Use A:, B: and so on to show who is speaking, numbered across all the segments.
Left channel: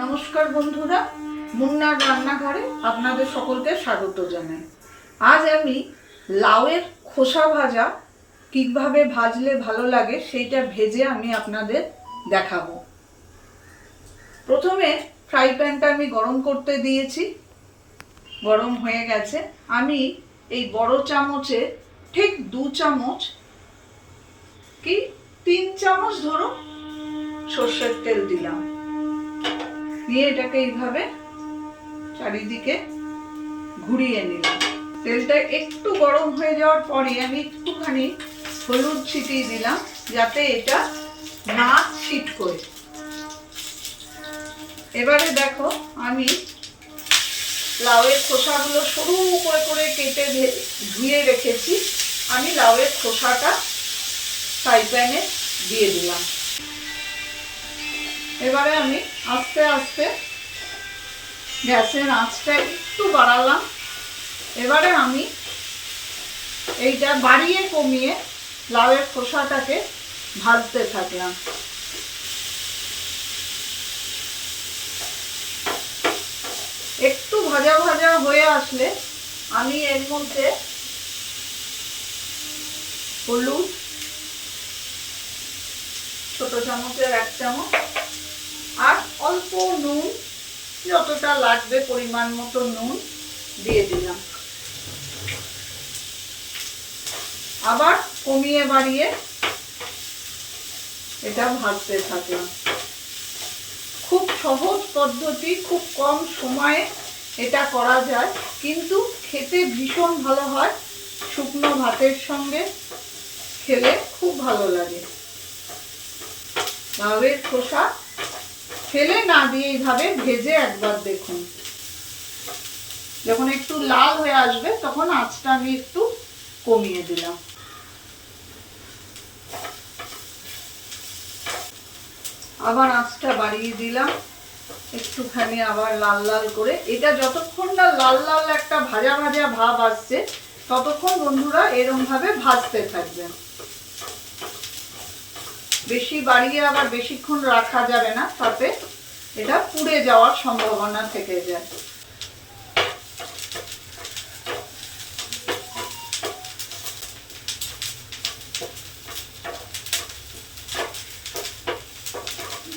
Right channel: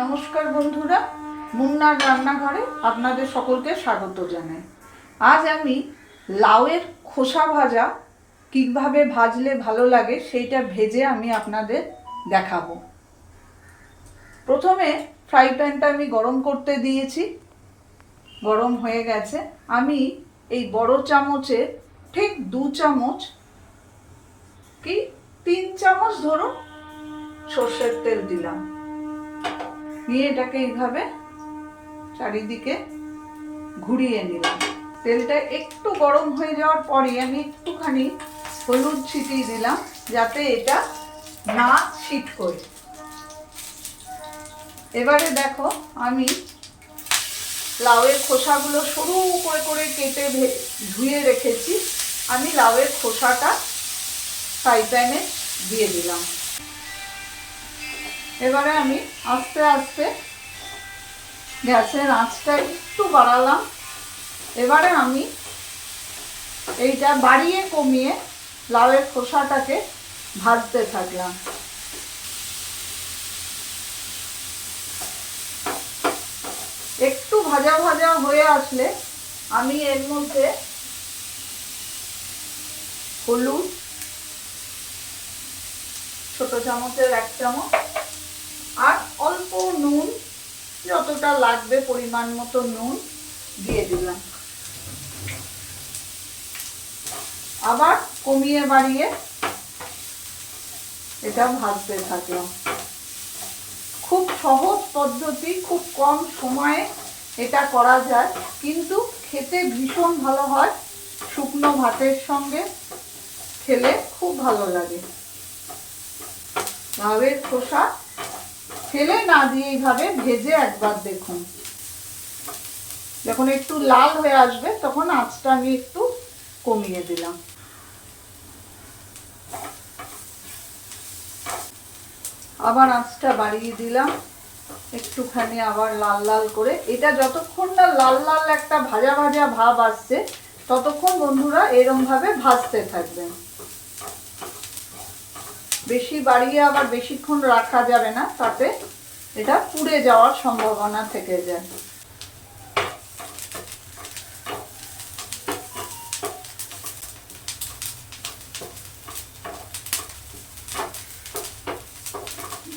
A: নমস্কার বন্ধুরা, মুন্নার রান্নাঘরে আপনাদের সকলকে স্বাগত জানাই। আজ আমি লাউয়ের খোসা ভাজা কীভাবে ভাজলে ভালো লাগে সেইটা ভেজে আমি আপনাদের দেখাবো। প্রথমে ফ্রাই প্যানটা আমি গরম করতে দিয়েছি। গরম হয়ে গেছে। আমি এই বড় চামচে ঠিক দু চামচ কি তিন চামচ ধরুন সর্ষের তেল দিলাম। নিয়ে এটাকে এইভাবে চারিদিকে ঘুরিয়ে নিলাম। তেলটা একটু গরম হয়ে যাওয়ার পরে আমি একটুখানি হলুদ ছিটিয়ে দিলাম, যাতে এটা না ছিট করে। এবারে দেখো, আমি লাউয়ের খোসাগুলো সরু করে করে কেটে ধুয়ে রেখেছি। আমি লাউয়ের খোসাটা ফ্রাই প্যানে দিয়ে দিলাম। এবারে আমি আস্তে আস্তে গ্যাসের আঁচটা একটু বাড়ালাম। এবারে আমি এইটা বাড়িয়ে কমিয়ে লাউয়ের খোসাটাকে ভাজতে থাকলাম। একটু ভাজা ভাজা হয়ে আসলে আমি এর মধ্যে হলুদ, ছোট চামচের এক চামচ যতটা লাগবে পরিমাণ মতো নুন দিয়ে দিলাম। আবার কমিয়ে বাড়িয়ে এটা ভাজতে থাকলাম। খুব সহজ পদ্ধতি, খুব কম সময়ে এটা করা যায়, কিন্তু খেতে ভীষণ ভালো হয়। শুকনো ভাতের সঙ্গে খেলে খুব ভালো লাগে। লাউয়ের খোসা ফেলে না দিয়ে এইভাবে ভেজে একবার দেখুন। যখন একটু লাল হয়ে আসবে, তখন আঁচটা আমি একটু কমিয়ে দিলাম। আবার আঁচটা বাড়িয়ে দিলাম। একটুখানি আবার লাল লাল করে। এটা যতক্ষণ না লাল লাল একটা ভাজা ভাজা ভাব আসছে, ততক্ষণ বন্ধুরা এরম ভাবে ভাজতে থাকবেন। বেশি বাড়িয়ে আবার বেশিক্ষণ রাখা যাবে না, তাতে এটা পুড়ে যাওয়ার সম্ভাবনা থেকে যায়।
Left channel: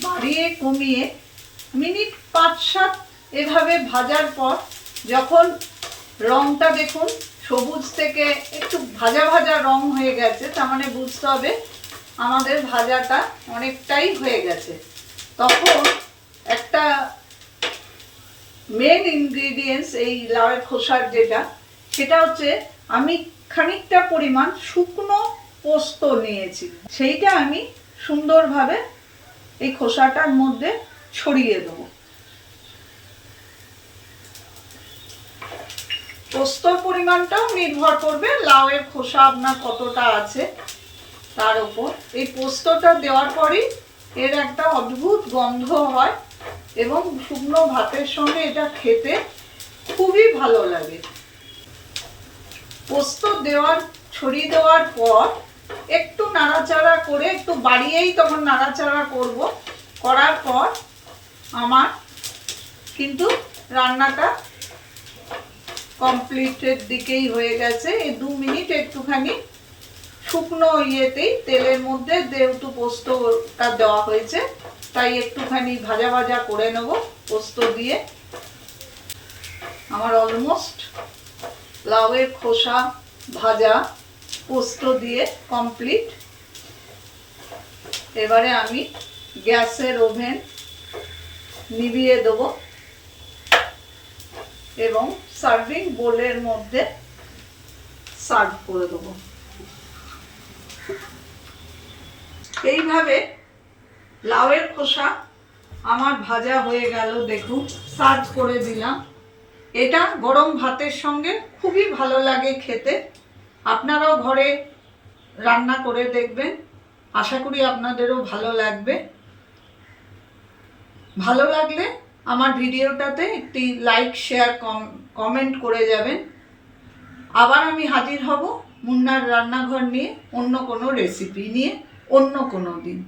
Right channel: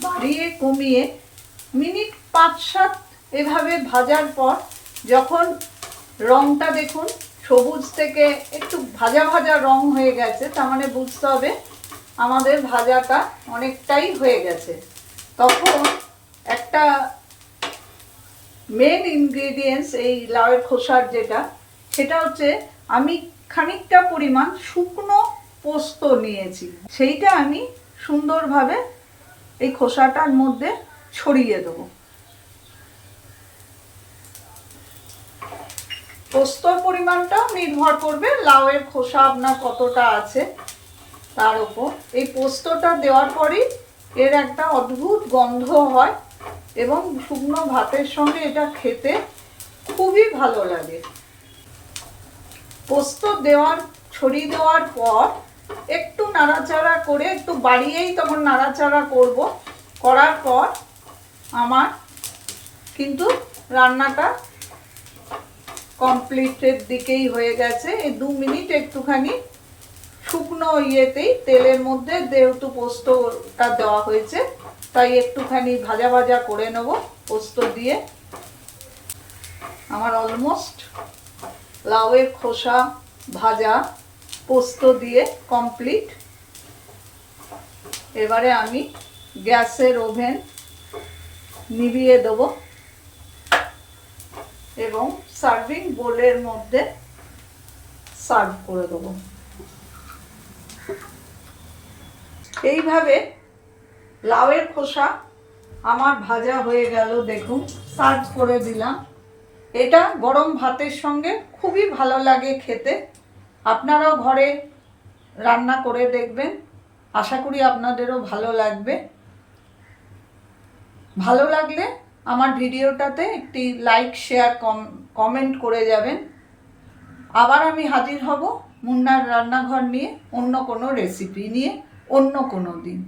A: বাড়িয়ে কমিয়ে মিনিট পাঁচ সাত এভাবে ভাজার পর যখন রংটা দেখুন, সবুজ থেকে একটু ভাজা ভাজা রং হয়ে গেছে, তার মানে বুঝতে হবে আমাদের ভাজাটা অনেকটাই হয়ে গেছে। তখন একটা মেন ইনগ্রেডিয়েন্টস এই লাউয়ের খোসার যেটা, সেটা হচ্ছে আমি খানিকটা পরিমাণ শুকনো পোস্ত নিয়েছি। সেইটা আমি সুন্দরভাবে এই খোসাটার মধ্যে ছড়িয়ে দেবো। পোস্তর পরিমাণটাও নির্ভর করবে লাউয়ের খোসা আপনার কতটা আছে। তার উপর এই পোস্তটা দেওয়ার পরই এর একটা অদ্ভুত গন্ধ হয় এবং শুকনো ভাতের সঙ্গে এটা খেতে খুবই ভালো লাগে। পোস্ত দেওয়ার ছড়িয়ে দেওয়ার পর একটু নাড়াচাড়া করে, একটু বাড়িয়েই তখন নাড়াচাড়া করব। করার পর আমার কিন্তু রান্নাটা কমপ্লিটের দিকেই হয়ে গেছে। এই দু মিনিট একটুখানি শুকনো ইয়েতেই তেলের মধ্যে যেহেতু পোস্তটা দেওয়া হয়েছে, তাই একটুখানি ভাজা ভাজা করে নেব পোস্ত দিয়ে। আমার অলমোস্ট লাউয়ের খোসা ভাজা পোস্ত দিয়ে কমপ্লিট। এবারে আমি গ্যাসের ওভেন নিভিয়ে দেবো এবং সার্ভিং বোলের মধ্যে সার্ভ করে দেবো। এইভাবে লাউয়ের খোসা আমার ভাজা হয়ে গেল, দেখুন, সার্ভ করে দিলাম। এটা গরম ভাতের সঙ্গে খুবই ভালো লাগে খেতে। আপনারাও ঘরে রান্না করে দেখবেন। আশা করি আপনাদেরও ভালো লাগবে। ভালো লাগলে আমার ভিডিওটাতে একটি লাইক, শেয়ার কমেন্ট করে যাবেন। আবার আমি হাজির হব মুন্নার রান্নাঘর নিয়ে অন্য কোনো রেসিপি নিয়ে। অন্য কোনো দিন।